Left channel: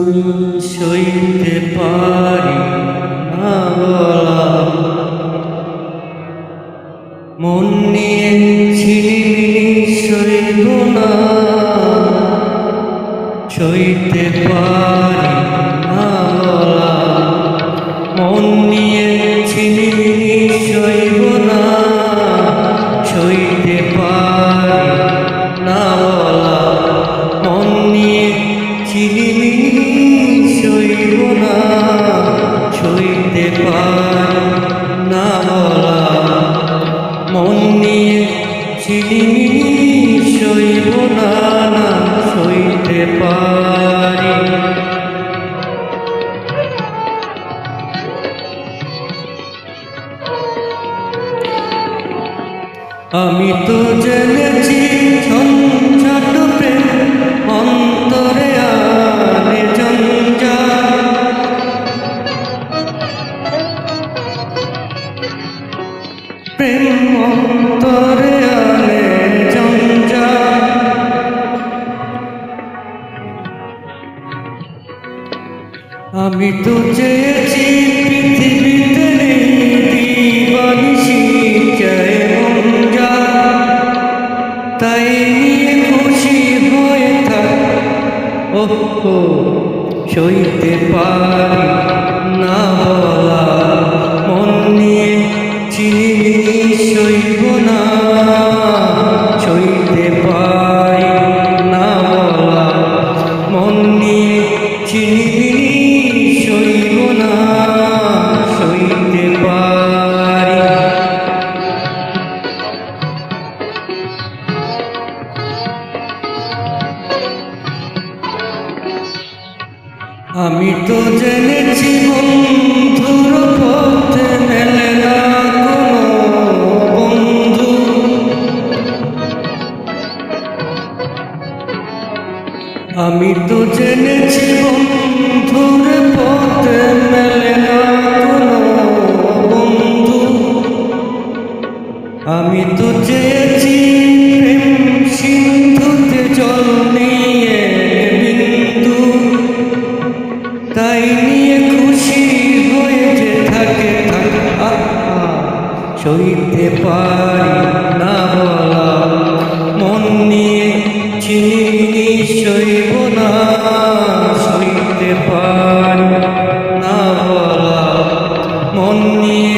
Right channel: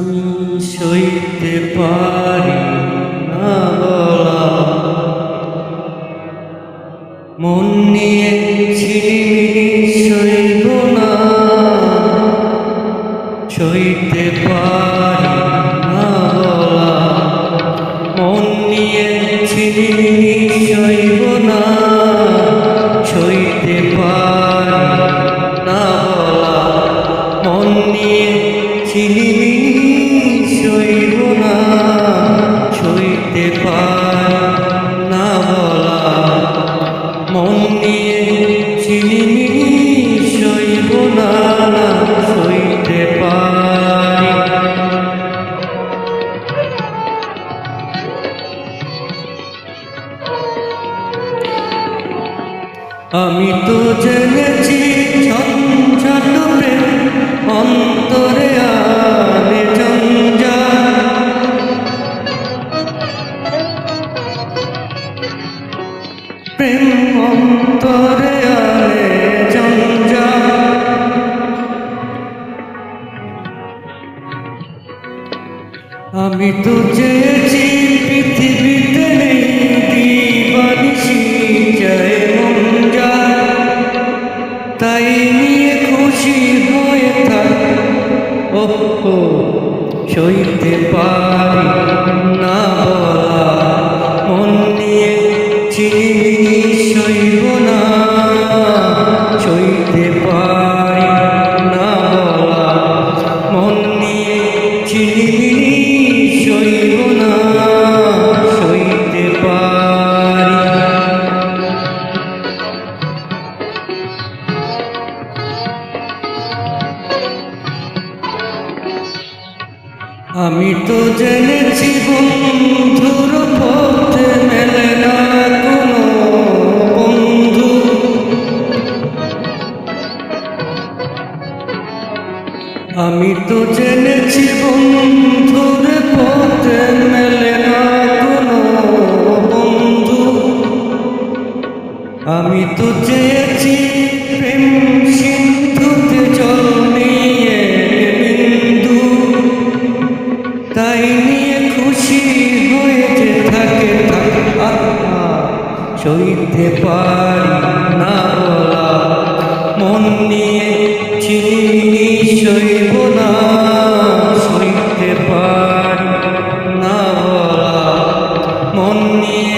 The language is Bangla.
আমি সইতে পারি না বলা, মন নিয়ে ছিনিমিনি সইব না, সইতে পারি না বলা, মন নিয়ে ছিনিমিনি সইব না, সইতে পারি না বলা, মন নিয়ে ছিনিমিনি সইব না, সইতে পারি না বলা, মন নিয়ে ছিনিমিনি সইব না, সইতে পারি। আমি তো জেনেছি ঝঞ্ঝাট প্রেম অন্তরে আনে জঞ্জাট, প্রেম অন্তরে আনে জঞ্জাট। আমি তো চেয়েছি পৃথিবীতে নেই দিবানিশি চায় মন যায়, তাই নিয়ে খুশি হয়ে থাক। ওহো, সইতে পারি না বলা, মন নিয়ে ছিনিমিনি সইব না, সইতে পারি না বলা, মন নিয়ে ছিনিমিনি সইব না, সইতে পারি। আমি তো জেনেছি বন্ধুর পথে মেলে না কোনো বন্ধু, আমি তো জেনেছি বন্ধুর পথে মেলে না কোনো বন্ধু, আমি তো চেয়েছি প্রেম সিন্ধুতে জল নিয়ে বিন্দু, তাই নিয়ে খুশি হয়ে যে থাকে থাক। সইতে পারি না বলা, মন নিয়ে ছিনিমিনি সইব না, সইতে পারি না বলা, মন নিয়ে